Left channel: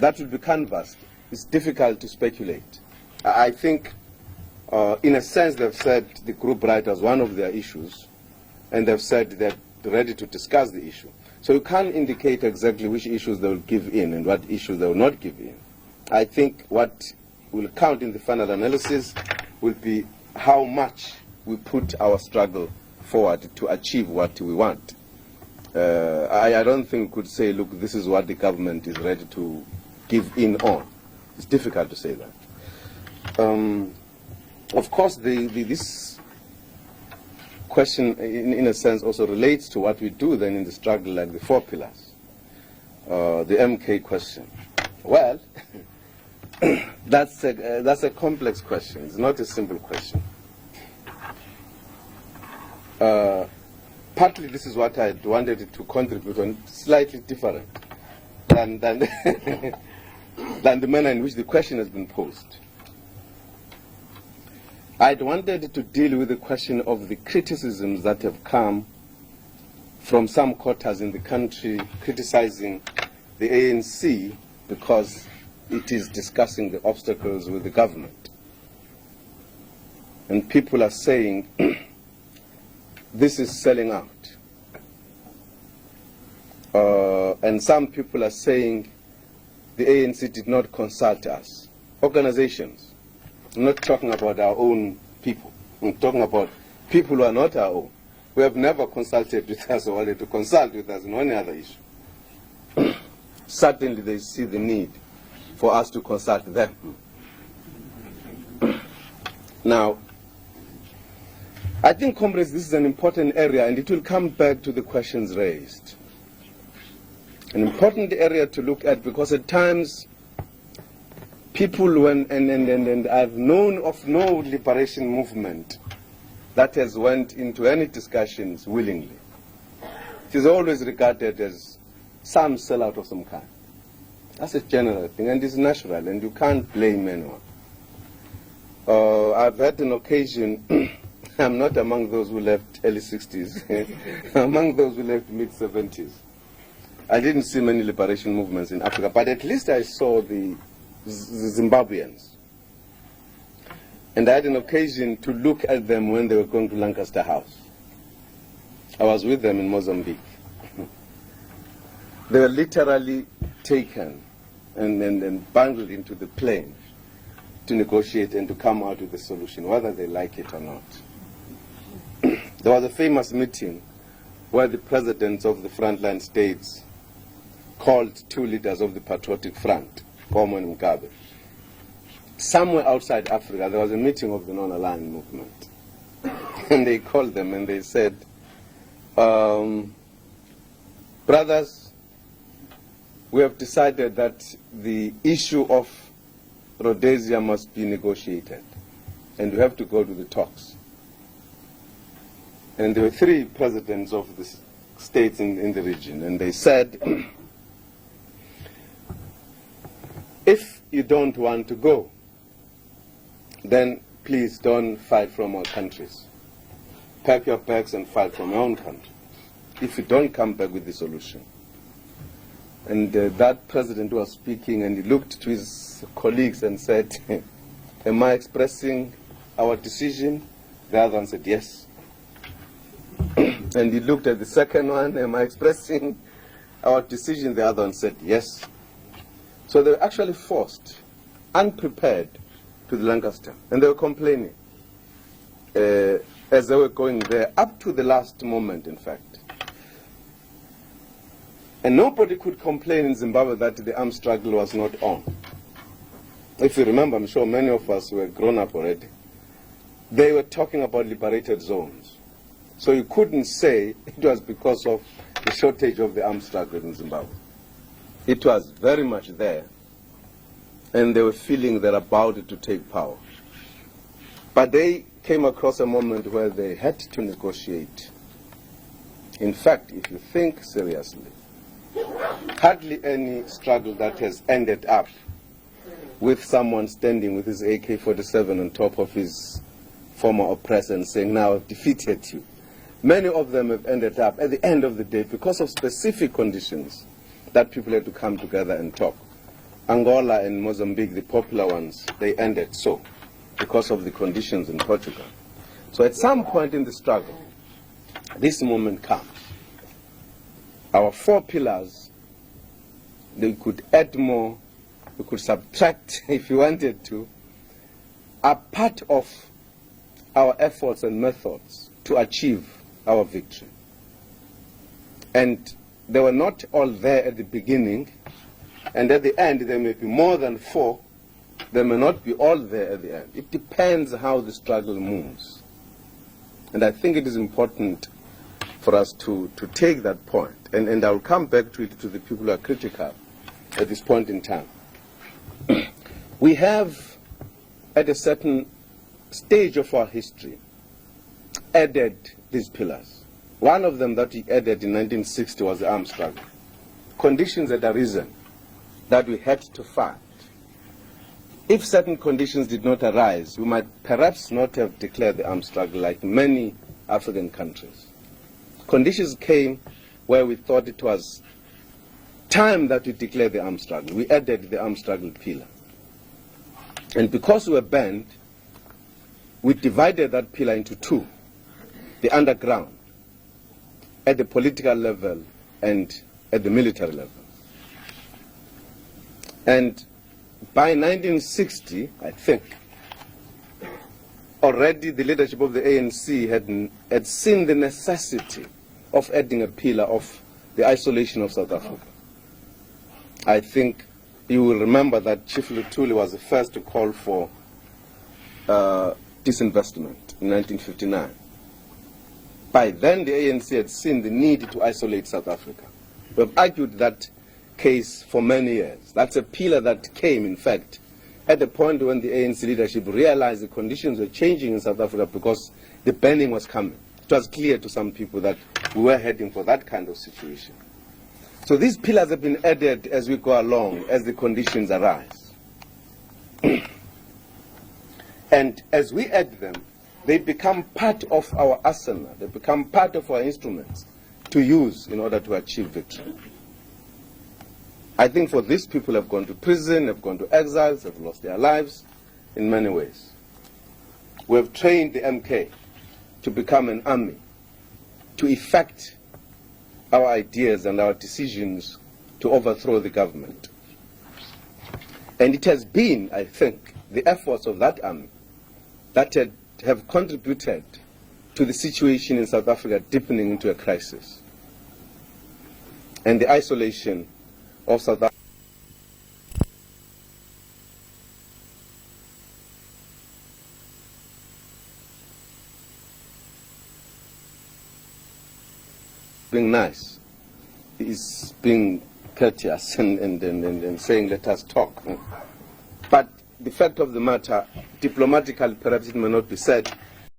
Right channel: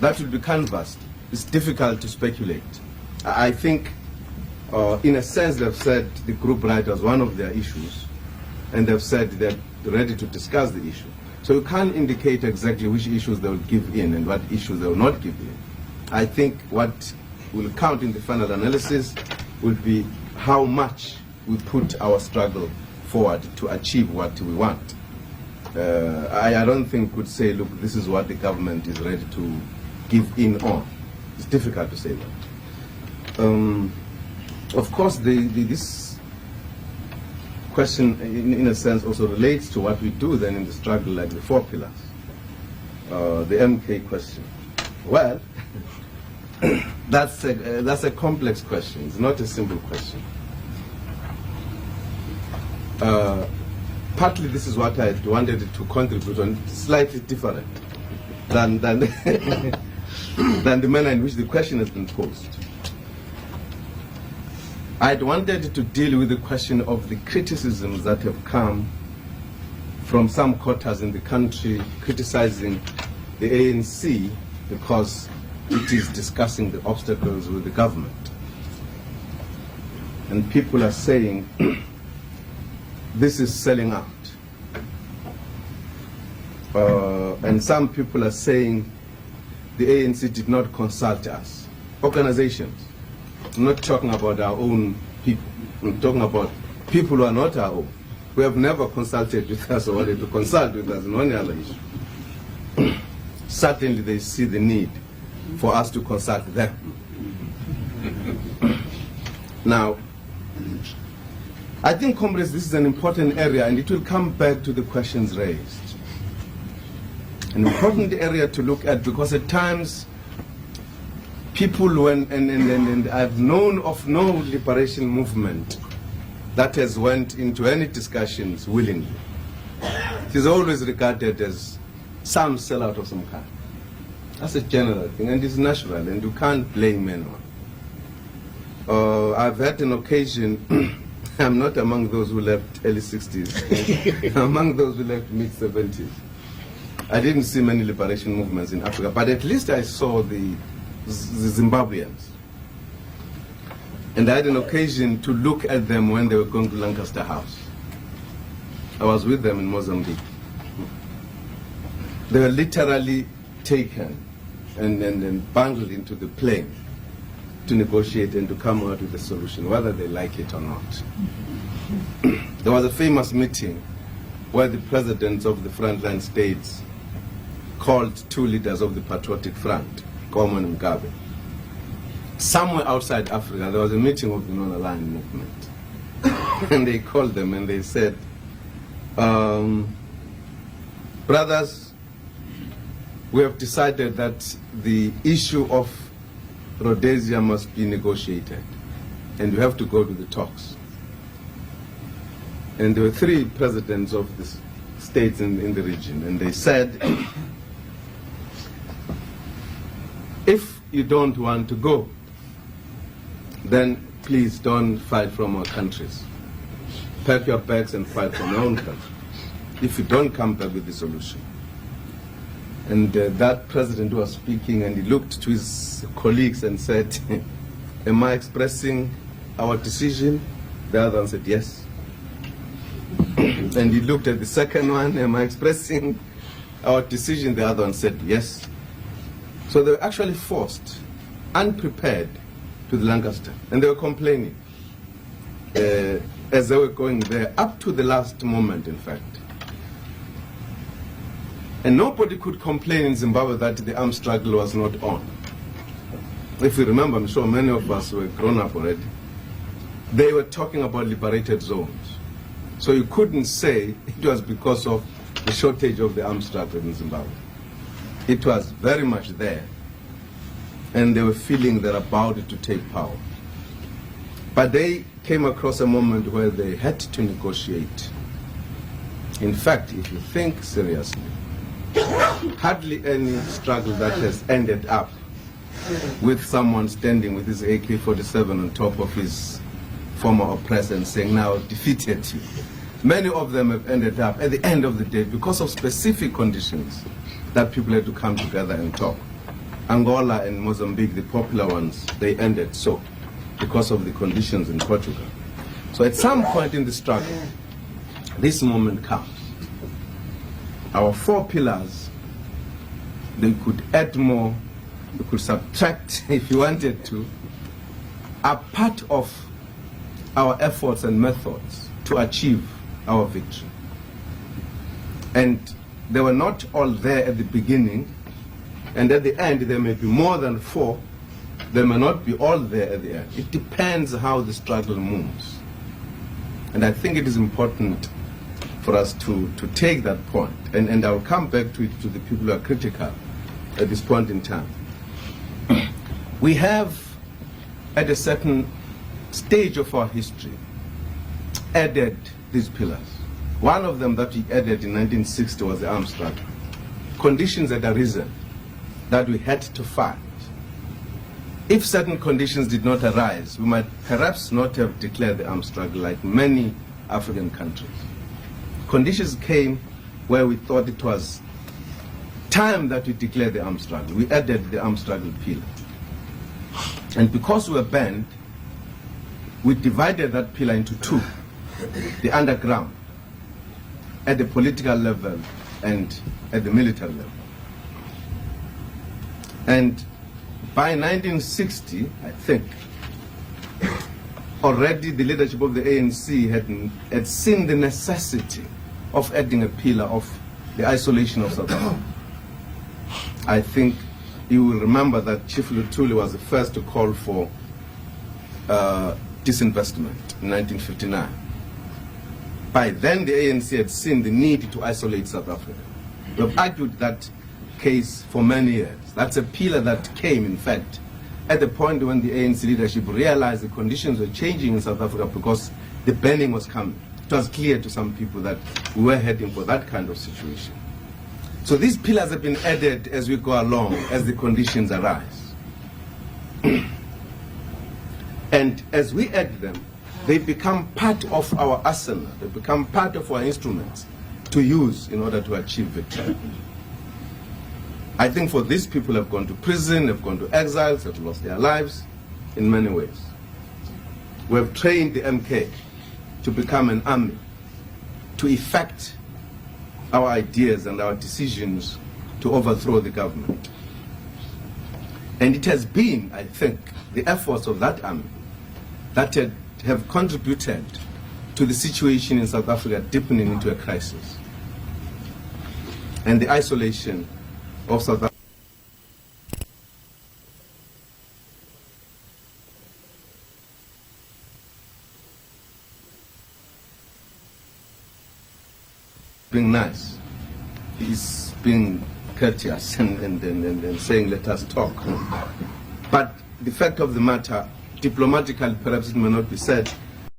that will be canvassed. It's difficult to speculate. I think, in a sense, they've said the group right as one of their issues, and they've said they're ready to discuss the issue. So you can't indicate exactly which issues they will give in and what issues they will not give in. I think what will count in the final analysis will be how much we put our struggle forward to achieve what we want. I don't think we could say, look, this is what the government is ready to give in on. It's difficult to say that. Of course, this question, in a sense, also relates to what we do then in the struggle, like the 4 pillars. The MK question. Well, that's a complex question. It's not a simple question. Partly this is what I wanted to contribute on, slightly different than than the manner in which the question has been posed. I'd wanted to deal with the question of the criticisms that have come from some quarters in the country criticizing the ANC because it is discussing the obstacles with the government. And people are saying, this is selling out. And some people are saying the ANC did not consult us. Organizations. I'm not talking about our own people. I'm talking about people who are not our own, who have never consulted with us or wanted to consult with us on any other issue. Certainly they see the need for us to consult them. Now, I think, comrades, this is an important area, and it will come back to the questions raised. An important area to look at, because at times people, and I've known of no liberation movement that has went into any discussions willingly. It is always regarded as some sellout of some kind. That's a general thing, and it's natural, and you can't blame anyone. I've had an occasion, I'm not among those who left early 60s, I'm among those who left mid-70s. I didn't see many liberation movements in Africa, but at least I saw the Zimbabweans. And I had an occasion to look at them when they were going to Lancaster House. I was with them in Mozambique. They were literally taken and bundled into the plane to negotiate and to come out with a solution, whether they like it or not. There was a famous meeting where the presidents of the frontline states called 2 leaders of the Patriotic Front, Goma and Mugabe. Somewhere outside Africa, there was a meeting of the non-aligned movement. And they called them and they said, brothers, we have decided that the issue of Rhodesia must be negotiated, and we have to go to the talks. And there were 3 presidents of the states in the region, and they said, if you don't want to go, then please don't fight from our countries. Pack your bags and fight from your own country, if you don't come back with the solution. And that president was speaking, and he looked to his colleagues and said, am I expressing our decision? The other one said, yes. And he looked at the second one, am I expressing our decision? The other one said, yes. So they were actually forced, unprepared, to the Lancaster. And they were complaining as they were going there, up to the last moment, in fact. And nobody could complain in Zimbabwe that the armed struggle was not on. If you remember, I'm sure many of us were grown up already. They were talking about liberated zones. So you couldn't say it was because of the shortage of the armed struggle in Zimbabwe. It was very much there, and they were feeling they're about to take power. But they came across a moment where they had to negotiate. In fact, if you think seriously, hardly any struggle that has ended up with someone standing with his AK-47 on top of his former oppressor and saying, now I've defeated you. Many of them have ended up at the end of the day because of specific conditions that people had to come together and talk. Angola and Mozambique, the popular ones, they ended so because of the conditions in Portugal. So at some point in the struggle, this moment comes. Our 4 pillars, they could add more, we could subtract if you wanted to, are part of our efforts and methods to achieve our victory. And they were not all there at the beginning, and at the end there may be more than 4, they may not be all there at the end. It depends how the struggle moves. And I think it is important for us to take that point, and I'll come back to it, to the people who are critical at this point in time. We have, at a certain stage of our history, added these pillars. One of them that we added in 1960 was the arms struggle. Conditions had arisen that we had to fight. If certain conditions did not arise, we might perhaps not have declared the arms struggle like many African countries. Conditions came where we thought it was time that we declared the arms struggle. We added the arms struggle pillar. And because we were banned, we divided that pillar into 2, the underground, at the political level and at the military level. And by 1960, I think, already the leadership of the ANC had seen the necessity of adding a pillar of the isolation of South Africa. I think you will remember that Chief Luthuli was the first to call for disinvestment in 1959. By then, the ANC had seen the need to isolate South Africa. We have argued that case for many years. That's a pillar that came, in fact, at the point when the ANC leadership realized the conditions were changing in South Africa because the banning was coming. It was clear to some people that we were heading for that kind of situation. So these pillars have been added as we go along, as the conditions arise. And as we add them, they become part of our arsenal. They become part of our instruments to use in order to achieve victory. I think for these people have gone to prison, have gone to exiles, have lost their lives in many ways. We have trained the MK to become an army, to effect our ideas and our decisions to overthrow the government. And it has been, I think, the efforts of that army that have contributed to the situation in South Africa deepening into a crisis. And the isolation of South Africa. Being nice, he's being courteous and saying, let us talk. But the fact of the matter, diplomatically perhaps it may not be said,